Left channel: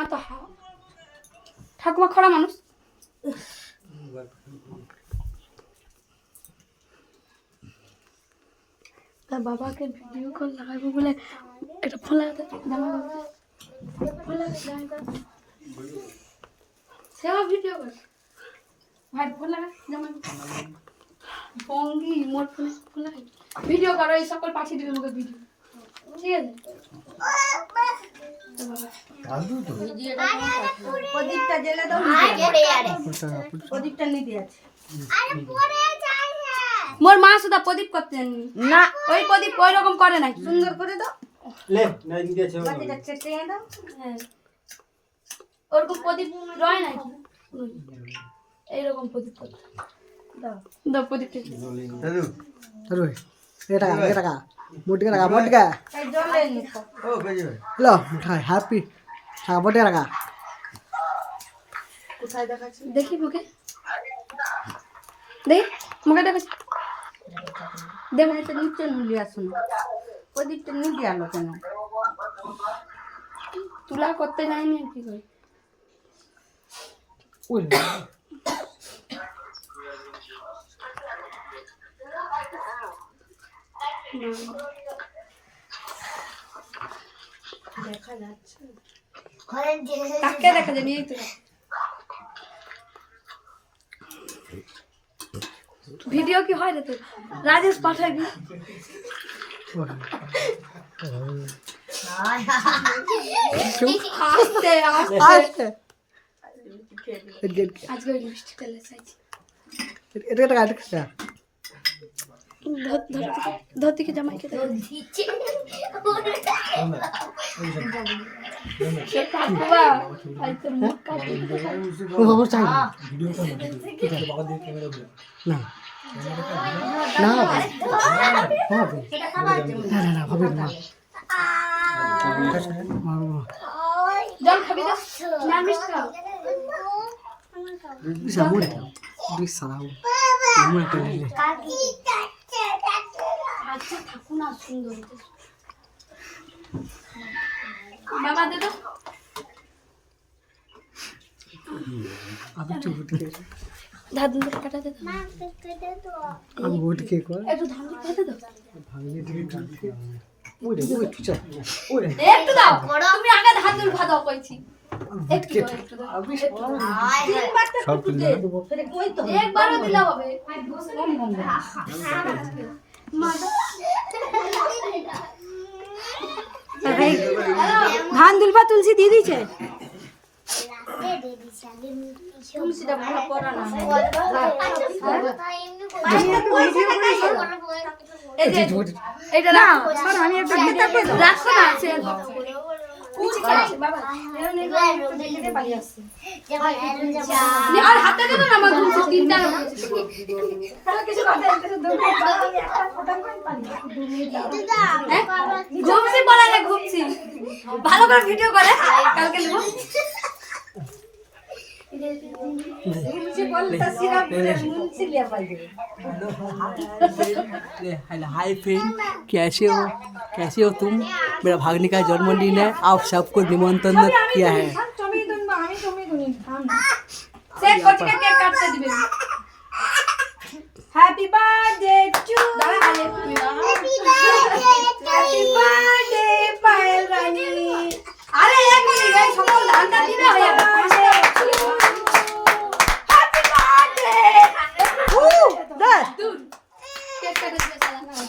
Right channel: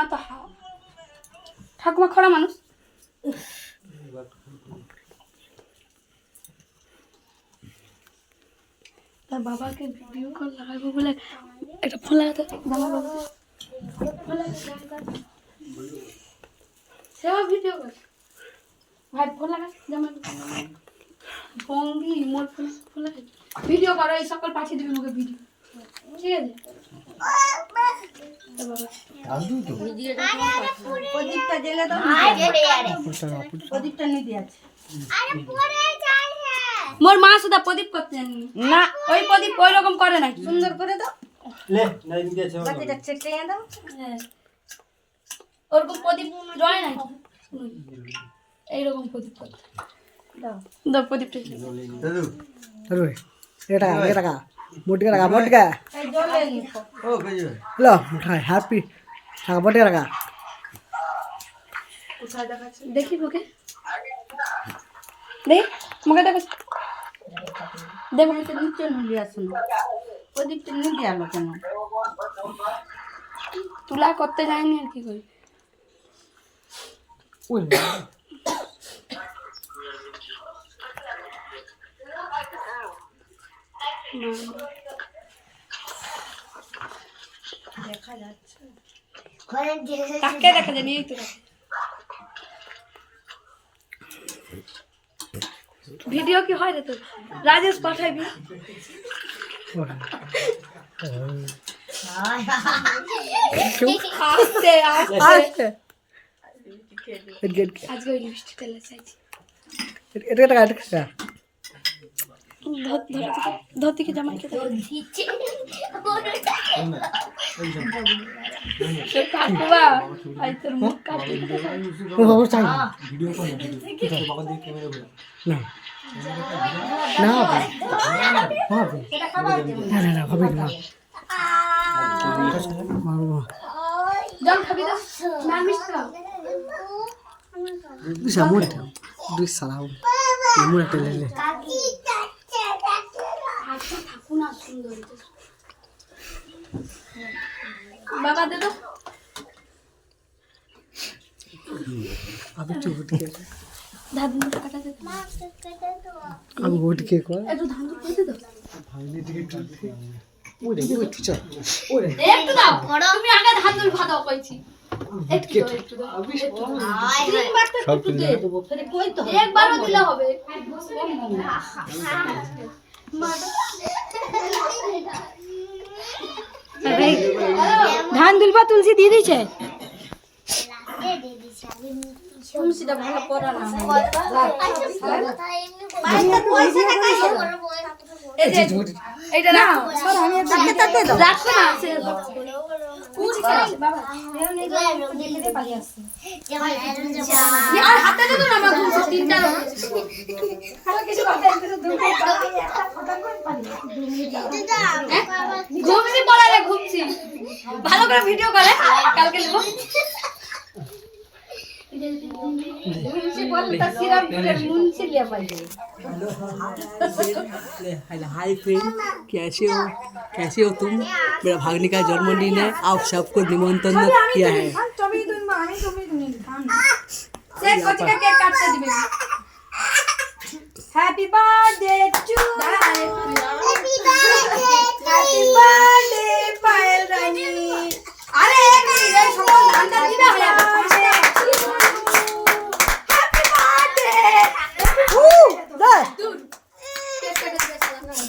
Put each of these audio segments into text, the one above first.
ঠাকুমা তো ঠাকুমা খরা মানুষ। তার বাবাকে ভিডিও কল লাগাবো বলে একটা ফোন লাগাতে জামা বাবা ফোন লাগাতে সেও ভিডিও কল ভাই ফোন লাগা জামা ভঙ্গি মোর ফোন লাগাই ভিডিও করো এই সকল পাঠিয়ে দিবে আমাকে ভিডিও ঠিক আছে প্রদীপটা জ্বেলে দাও প্রদীপটা নিতে আছে মোর মা সুদা প্রদীপ করতে জানি না ওই প্রদীপ ওই রকম করে নাই সুন্দর করে দাও লে নাই নিতে আছে বাকিটা চেটে দাও ওরকম প্রদীপ রয় নাই এই রকম প্রদীপ করতে দাও দাও প্রদীপটা দাদু দাদু এটা মোটকা এই জলে নিকো ও কই লো মিঠাই হ্যাপি টাকা মোটকা টাকা কোথায় দেখাচ্ছি দেখি মুখে দেখ মুখে দেখাচ্ছি দেখ এটা নিচে নুলিয়া শুনো প্রদীপটা নিতে আলো কেন তুলা করতে যায়নি আর কি করি ওই দেখা যাচ্ছে কাকে দেখা যায় নিয়ে তো ভিডিও কি হয় রে তো রাজেশ পাঠাইবি আস্তে আস্তে আজকে ওই লিপস্টিকটা লাগাইছি এটা টাকা ধরতে জামাইকে কাকুবা আই তোর মুখ কাটি ও বাবা চাই না না না ভাবি না জল খাবি না না মিষ্টি খাও জামুন দুই সালাও জামুন একটা লেলে আজকে থাকু না সুন্দর বাবা দে তো আবে একটু উঠে ধান কাটা দে আমি উঠে কর একটু ধান কাটা দে ভাঙলে দিকে ওই একটু চল ওই একটু দাও তুমি আগে ধান দুল ভাত দাও কইছি একটু দাও সব তুলে একবারও দিলে হবে ধান দুলবা তুলসী দিয়ে দিছে তুলসীটা ভালো পড়া না এইটা না আমি একটা গীতাতে রাখো না সে বাবা আর হাতে দিবে না আমার তিনটা কিছু ঘুমছি বলা রে ঘুমছি ভালো করে ভিডিও করে কালকে নেব हाय फ्रेंड कैसे हो तुम मेरा भागने का जन्मदिन है आप सबको निमंत्रण किया है happy birthday to happy birthday Payal Rani अरे एक मिनट ये সকল গানটা দিবে ভাইয়া हैप्पी बर्थडे दे কেক কাটে দে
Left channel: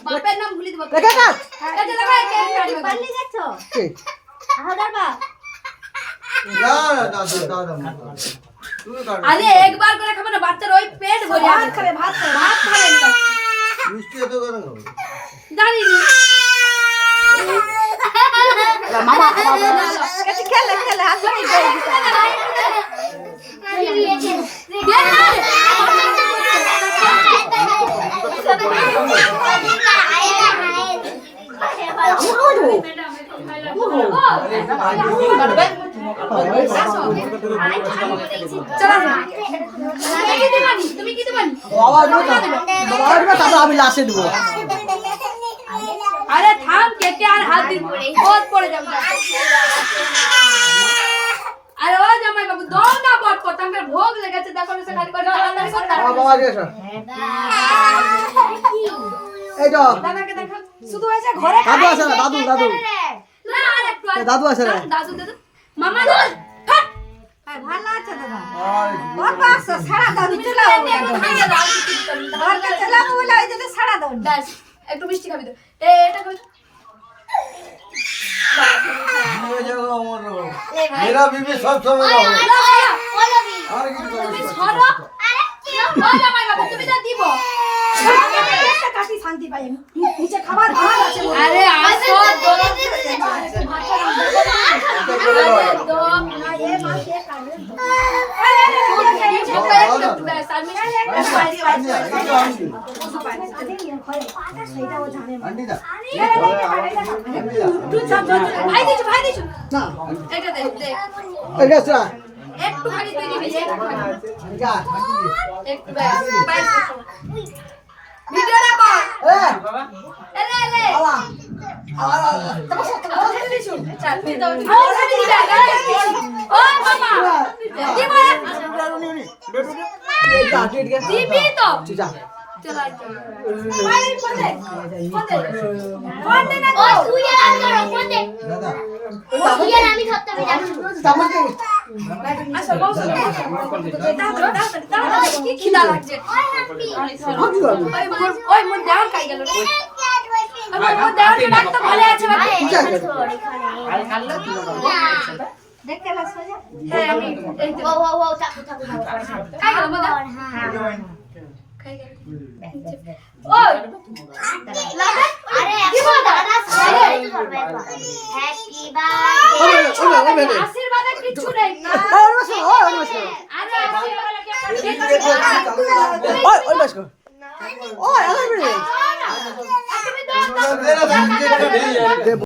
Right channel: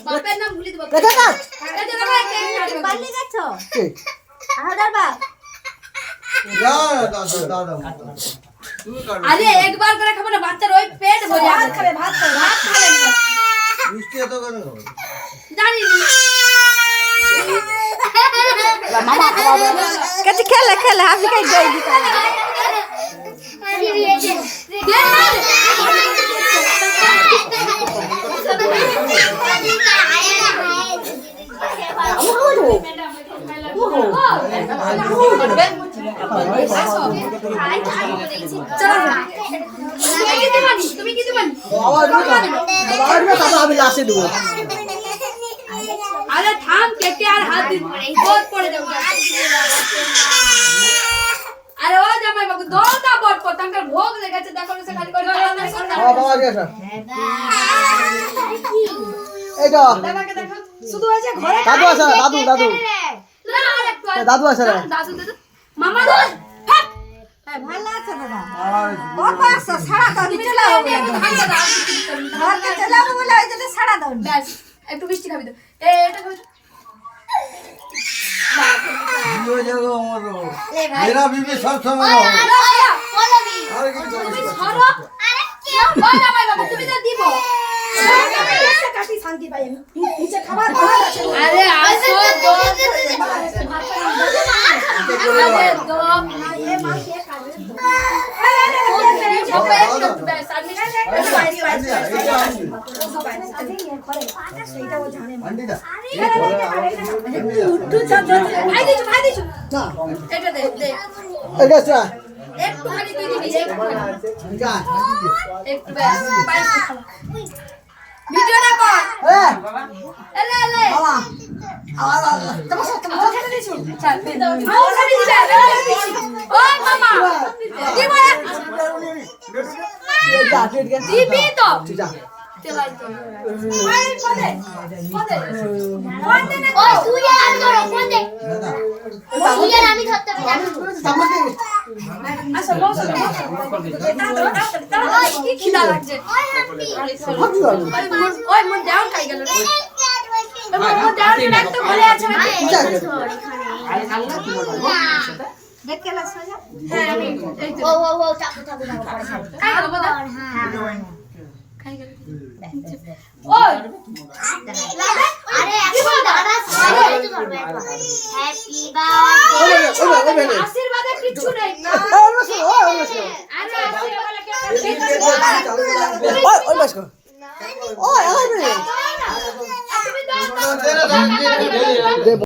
বাপের নাম ভুলি দেব কেক কাট এই যে দেখো কেক কাটবে বানি গেছো কেক হাজার বা দাদা আরে একবার করে খাবে না বাচ্চার ওই পেট ভরে ভাত খাবে ভাত খাবে না মিষ্টি এত কেন খাবে জানি নি মামা খাওয়াবে কেটে খেলে খেলে আমি খাই তুমি কি দিবানি আমি লাস্টে দেবো আরে থাম কেটে আর হাত দিব বহুত পড়ে যাবে ওখানকার ভোগ লেগেছে দেখো সে খালি করে টানাটানি করতে বাবা দিয়ে আসো এই তো দাদাকে দেখো শুধু হয়েছে ঘরে দাদু আছে না দাদু দাদু না আরেকটু দাদু আছে না দাদু দাদু মামা দাদু ফাট ভালো লাগছে দাদা আর কত আসছো ছাড়া দাও নিচে লাও ঘরকে চালাবো বলে ওই জন্য ছাড়া দাও ব্যাস একটু মিষ্টি খাবি তো এটা খাবি हो जाएगा हमारो मेरा बीबी सब समय रहो और की তুমি ছড়ো আরে কি ওই জামাই বাবু তুমি যা দিব কাটি শান্তি পাই আমি নিচে খাবার ভালো আছে আরে আসো আরে দম না এ মা কে খাবে সবাই একটু ব্যাস আর সেইটাও জানে अंडी दा ভাই দিছু এটা দে দে এই গেছে একটু খালি তুই দিবি যা একটু ব্যাস ভিডিওটা কর এই এলে এলে বাবা চল তুই দাও ও মামা দিব যা ঠিক আছে দিবি তো যা তেলাই তো ও তুই আর করো ফোন দে दादा তুই আর আমি ধরতে হবে জানো চামচ দে আসো বসো কি খিদা লাগছে ওই মোর দেওয়ার খাই গেল মোর দেওয়ার একটা ভালো আছে দেখতে লাগছে হ্যাঁ আমি এই ও ও ও চাকু চাকু খাই গেল বল হ্যাঁ খাই গেল ওই আরে এখন দাদা সবাই তো ধরবে হ্যাপি বার্থডে আশীর্বাদে কিছু নেই ওই মাসো ওই মাসো আরে আশীর্বাদে কে ওই মাসো ওই আরে তুমি দাও तेरा